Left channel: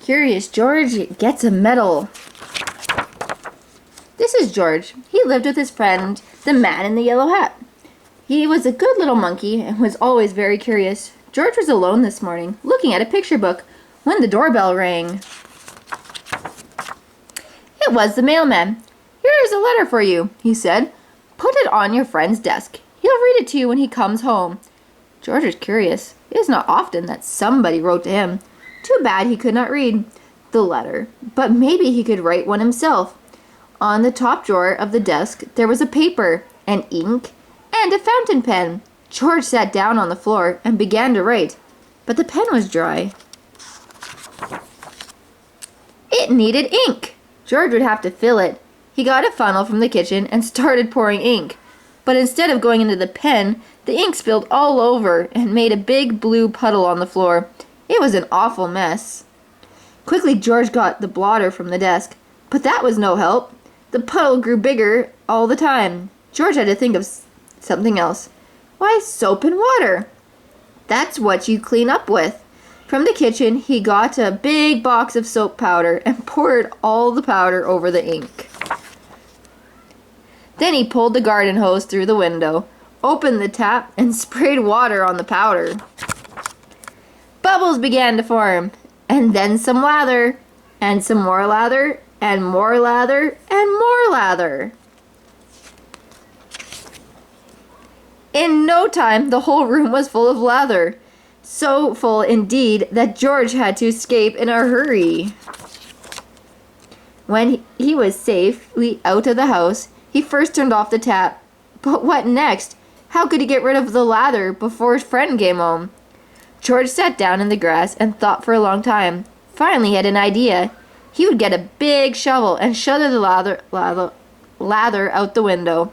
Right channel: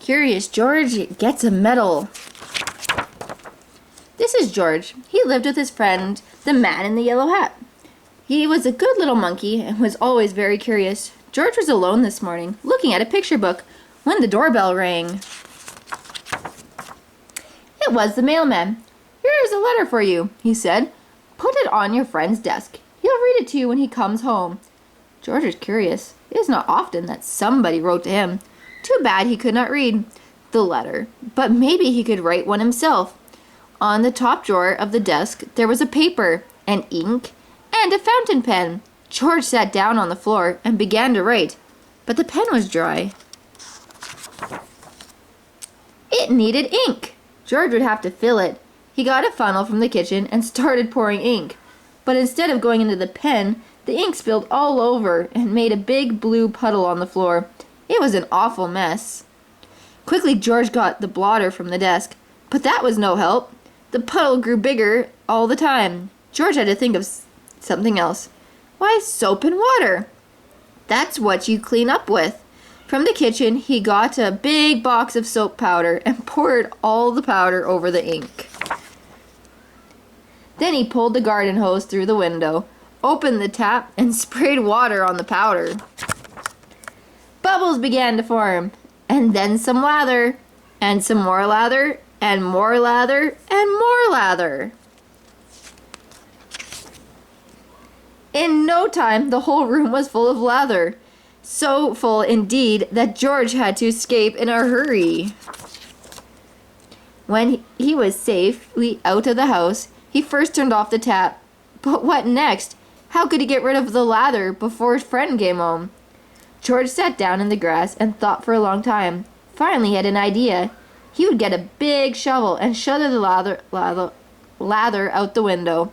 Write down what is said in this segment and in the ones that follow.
Curious George gets a medal. This is George. He lived with his friend, the man in the yellow hat. He was a good little monkey and was always very curious. George was alone this morning, looking at a picture book, when the doorbell rang. It was the mailman. Here is a letter for you, he said. Put it on your friend's desk. He'll read it to you when he comes home. George was curious. It is not often that somebody wrote to him. Too bad he could not read the letter, but maybe he could write one himself. On the top drawer of the desk there was a paper, and ink, and a fountain pen. George sat down on the floor and began to write, but the pen was dry. It needed ink. George would have to fill it. He got a funnel from the kitchen and started pouring ink. But instead of going into the pen, the ink spilled all over and made a big blue puddle on the floor. It was an awful mess. Quickly George got the blotter from the desk, but that was no help. The puddle grew bigger all the time. George had to think of something else. Why, soap and water. That's what you clean up with. From the kitchen, he got a big box of soap powder and poured all the powder over the ink. Then he pulled the garden hose through the window, opened the tap, and sprayed water on the powder. Bubbles began to form, and then some lather, and some more lather, and more lather, and more lather. In no time, the whole room was full of lather. So full indeed that George had to escape in a hurry. When he was safely out of the house, he first turned off the tap. But what next? How could he get rid of the lather before his friend came home? George sat down in the grass and thought for a long time. Finally he had an idea. He would get a big shovel and shudder the lather out the window.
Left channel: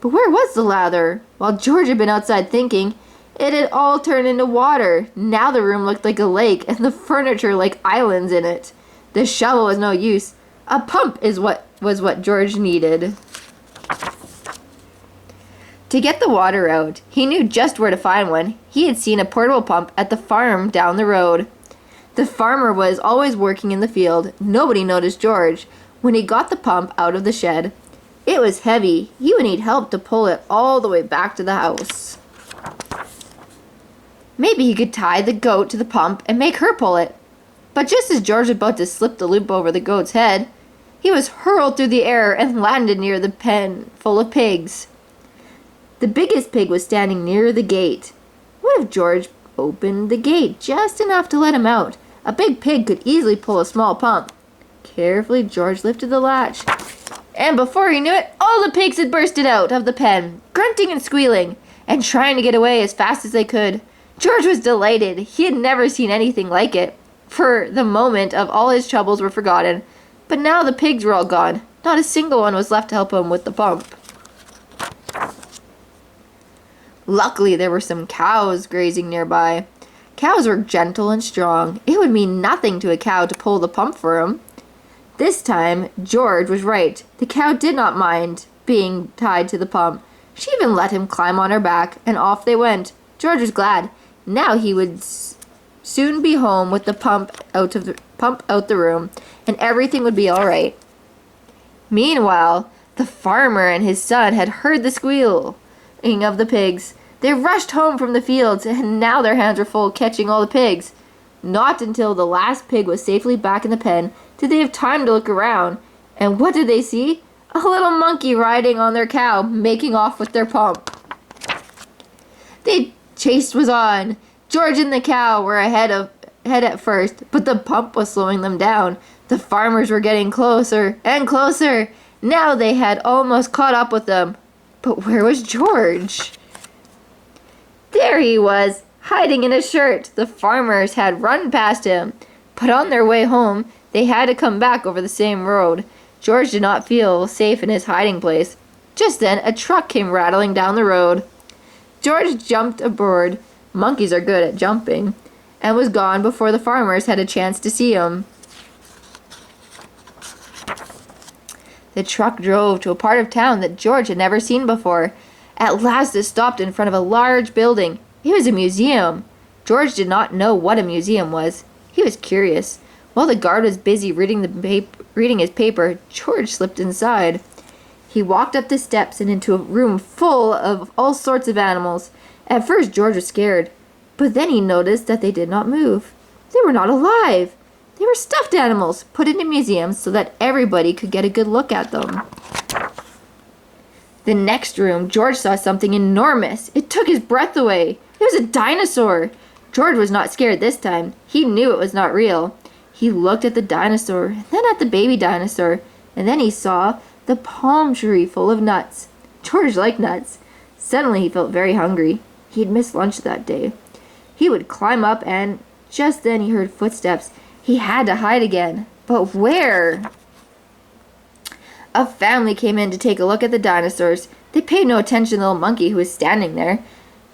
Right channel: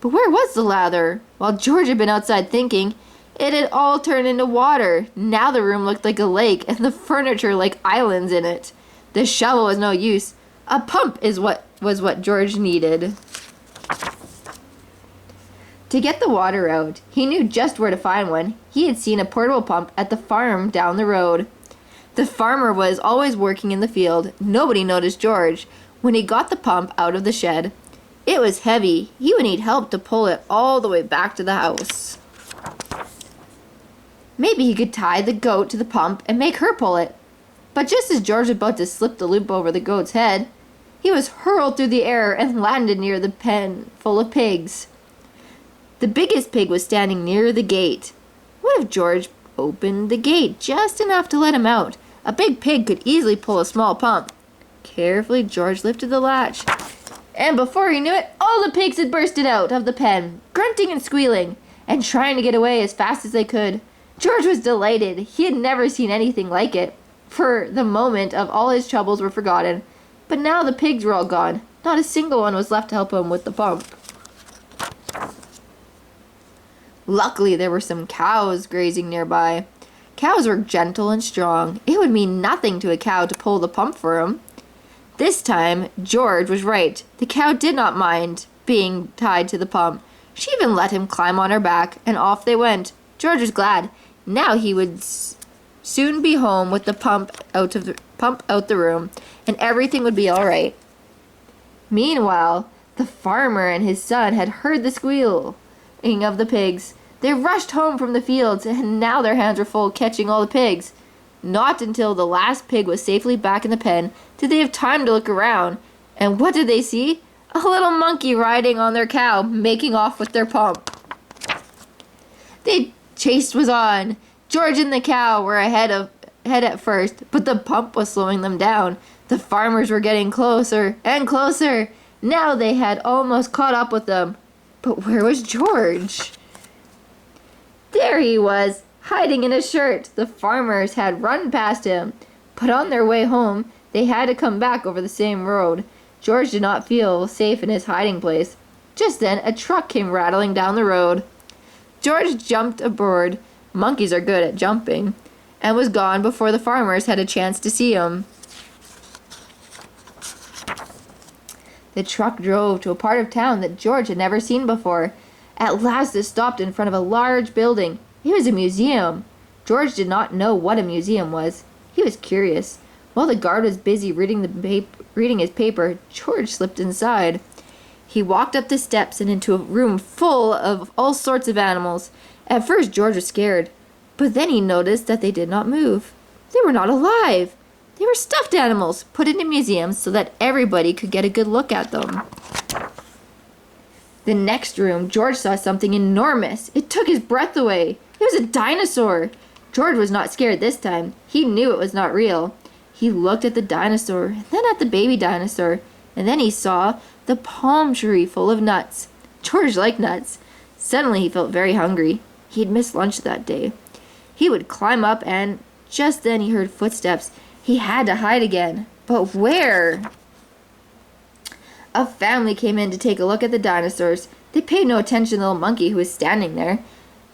But where was the lather? While George had been outside thinking, it had all turned into water. Now the room looked like a lake and the furniture like islands in it. The shovel was no use. A pump was what George needed. To get the water out, he knew just where to find one. He had seen a portable pump at the farm down the road. The farmer was always working in the field. Nobody noticed George when he got the pump out of the shed. It was heavy. He would need help to pull it all the way back to the house. Maybe he could tie the goat to the pump and make her pull it. But just as George was about to slip the loop over the goat's head, he was hurled through the air and landed near the pen full of pigs. The biggest pig was standing near the gate. What if George opened the gate just enough to let him out? A big pig could easily pull a small pump. Carefully, George lifted the latch, and before he knew it, all the pigs had bursted out of the pen, grunting and squealing, and trying to get away as fast as they could. George was delighted. He had never seen anything like it. For the moment of all his troubles were forgotten. But now the pigs were all gone. Not a single one was left to help him with the pump. Luckily, there were some cows grazing nearby. Cows were gentle and strong. It would mean nothing to a cow to pull the pump for him. This time, George was right. The cow did not mind being tied to the pump. She even let him climb on her back, and off they went. George was glad. Now he would soon be home with the pump out the room, and everything would be all right. Meanwhile, the farmer and his son had heard the squealing of the pigs. They rushed home from the fields, and now their hands were full catching all the pigs. Not until the last pig was safely back in the pen did they have time to look around. And what did they see? A little monkey riding on their cow, making off with their pump. The chase was on. George and the cow were ahead at first, but the pump was slowing them down. The farmers were getting closer and closer. Now they had almost caught up with them. But where was George? There he was, hiding in a shirt. The farmers had run past him, but on their way home, they had to come back over the same road. George did not feel safe in his hiding place. Just then, a truck came rattling down the road. George jumped aboard. Monkeys are good at jumping, and was gone before the farmers had a chance to see him. The truck drove to a part of town that George had never seen before. At last it stopped in front of a large building. It was a museum. George did not know what a museum was. He was curious. While the guard was busy reading his paper, George slipped inside. He walked up the steps and into a room full of all sorts of animals. At first, George was scared, but then he noticed that they did not move. They were not alive. They were stuffed animals put into museums so that everybody could get a good look at them. The next room, George saw something enormous. It took his breath away. It was a dinosaur. George was not scared this time. He knew it was not real. He looked at the dinosaur, and then at the baby dinosaur, and then he saw the palm tree full of nuts. George liked nuts. Suddenly he felt very hungry. He had missed lunch that day. He would climb up, and just then he heard footsteps. He had to hide again. But where? A family came in to take a look at the dinosaurs. They paid no attention to the little monkey who was standing there.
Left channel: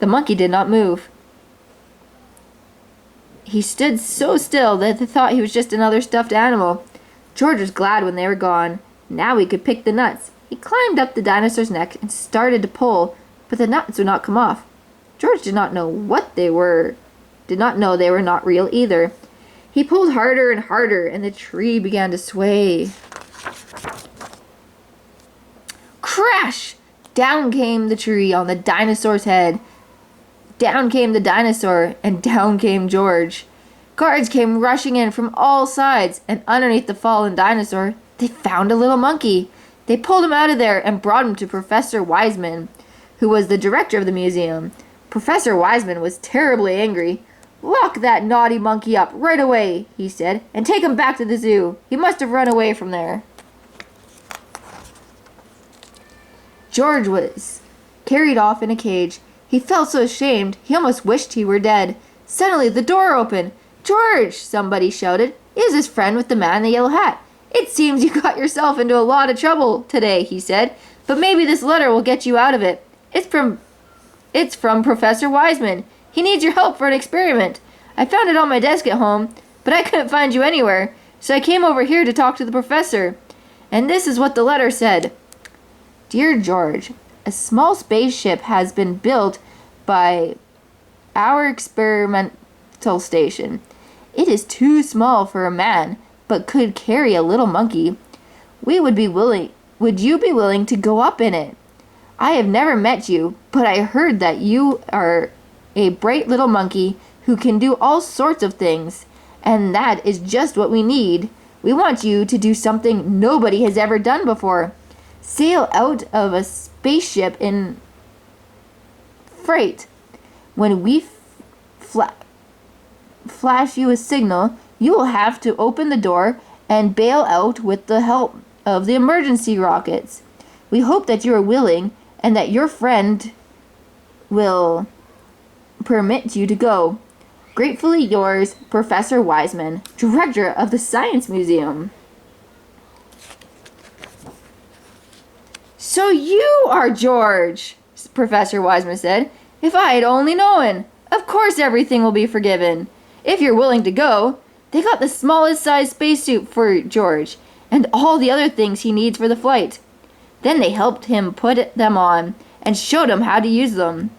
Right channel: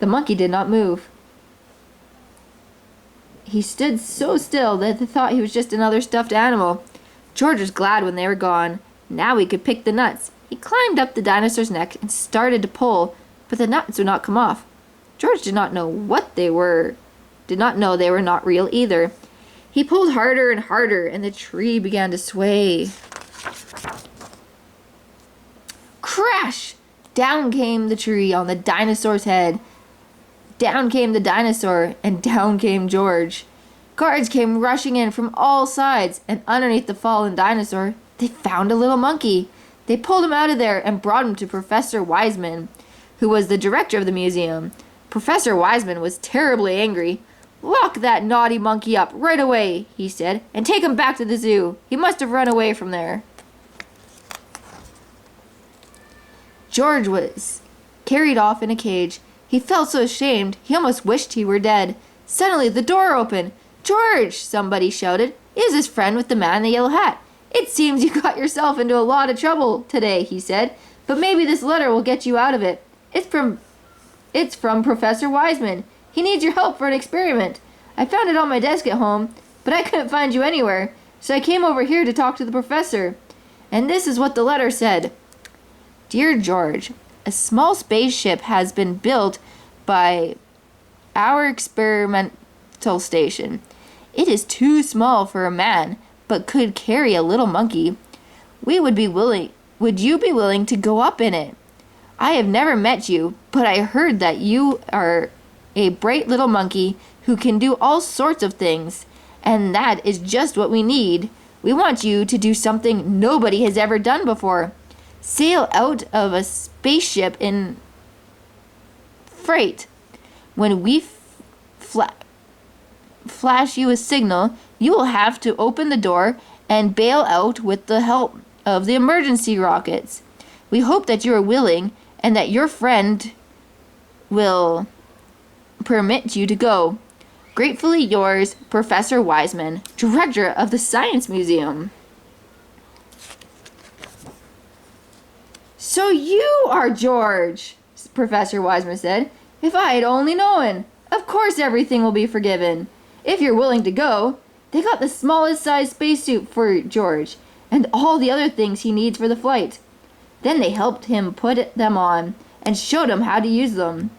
The monkey did not move. He stood so still that they thought he was just another stuffed animal. George was glad when they were gone. Now he could pick the nuts. He climbed up the dinosaur's neck and started to pull, but the nuts would not come off. George did not know what they were. Did not know they were not real either. He pulled harder and harder, and the tree began to sway. Crash! Down came the tree on the dinosaur's head. Down came the dinosaur, and down came George. Guards came rushing in from all sides, and underneath the fallen dinosaur, they found a little monkey. They pulled him out of there and brought him to Professor Wiseman, who was the director of the museum. Professor Wiseman was terribly angry. "Lock that naughty monkey up right away," he said, "and take him back to the zoo. He must have run away from there." George was carried off in a cage. He felt so ashamed, he almost wished he were dead. Suddenly, the door opened. "George!" somebody shouted. "It is his friend with the man in the yellow hat. It seems you got yourself into a lot of trouble today," he said. "But maybe this letter will get you out of it. It's from Professor Wiseman. He needs your help for an experiment. I found it on my desk at home, but I couldn't find you anywhere, so I came over here to talk to the professor." And this is what the letter said. "Dear George, a small spaceship has been built by our experimental station. It is too small for a man, but could carry a little monkey. Would you be willing to go up in it? I have never met you, but I heard that you are a bright little monkey who can do all sorts of things, and that is just what we need. We want you to do something nobody has ever done before. Sail out of a spaceship in freight. When we flash you a signal, you will have to open the door and bail out with the help of the emergency rockets. We hope that you are willing and that your friend will permit you to go. Gratefully yours, Professor Wiseman, Director of the Science Museum." "So you are George," Professor Wiseman said. "If I had only known. Of course everything will be forgiven. If you're willing to go." They got the smallest size spacesuit for George, and all the other things he needs for the flight. Then they helped him put them on, and showed him how to use them.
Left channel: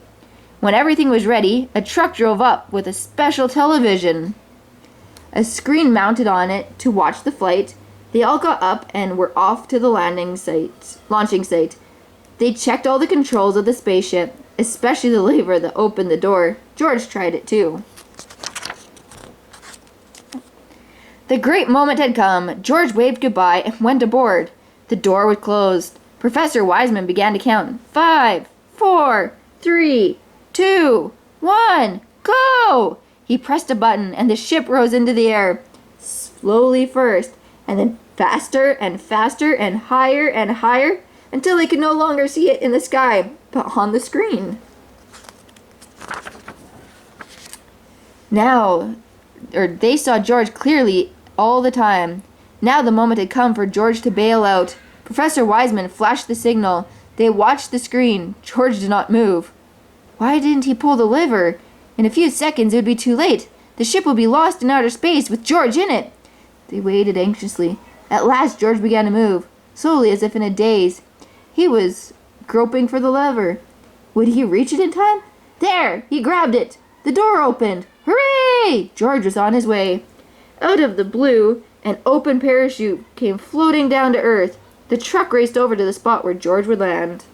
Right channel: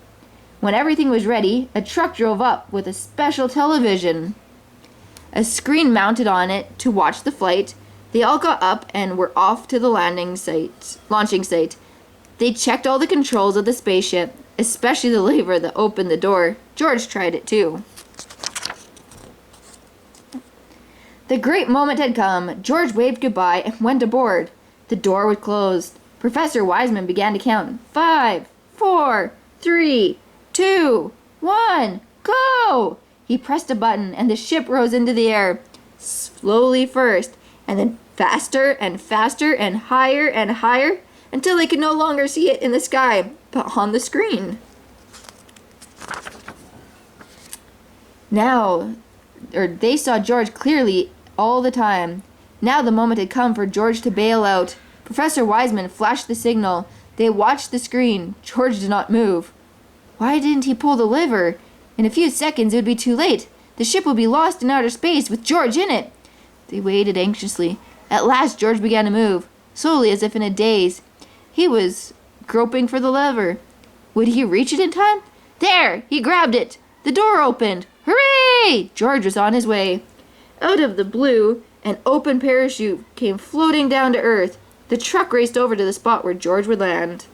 When everything was ready, a truck drove up with a special television. A screen mounted on it to watch the flight. They all got up and were off to the launching site. They checked all the controls of the spaceship, especially the lever that opened the door. George tried it too. The great moment had come. George waved goodbye and went aboard. The door was closed. Professor Wiseman began to count. 5, 4, 3, 2, 1, go! He pressed a button and the ship rose into the air. Slowly first, and then faster and faster and higher until they could no longer see it in the sky, but on the screen. They saw George clearly all the time. Now the moment had come for George to bail out. Professor Wiseman flashed the signal. They watched the screen. George did not move. Why didn't he pull the lever? In a few seconds it would be too late. The ship would be lost in outer space with George in it. They waited anxiously. At last George began to move, slowly as if in a daze. He was groping for the lever. Would he reach it in time? There! He grabbed it. The door opened. Hooray! George was on his way. Out of the blue, an open parachute came floating down to Earth. The truck raced over to the spot where George would land.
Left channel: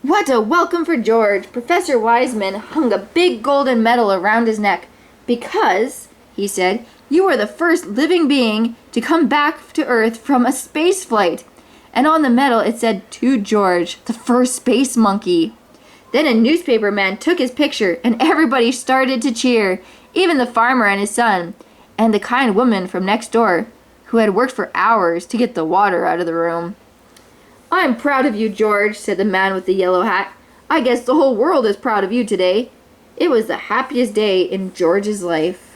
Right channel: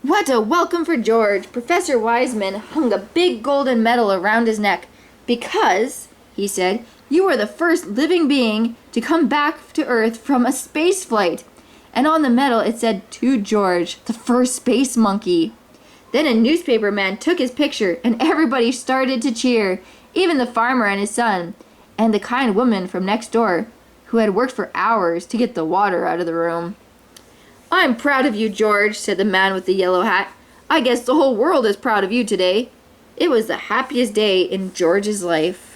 What a welcome for George! Professor Wiseman hung a big golden medal around his neck. Because, he said, you were the first living being to come back to Earth from a space flight. And on the medal it said, to George, the first space monkey. Then a newspaper man took his picture and everybody started to cheer, even the farmer and his son, and the kind woman from next door, who had worked for hours to get the water out of the room. I'm proud of you, George, said the man with the yellow hat. I guess the whole world is proud of you today. It was the happiest day in George's life.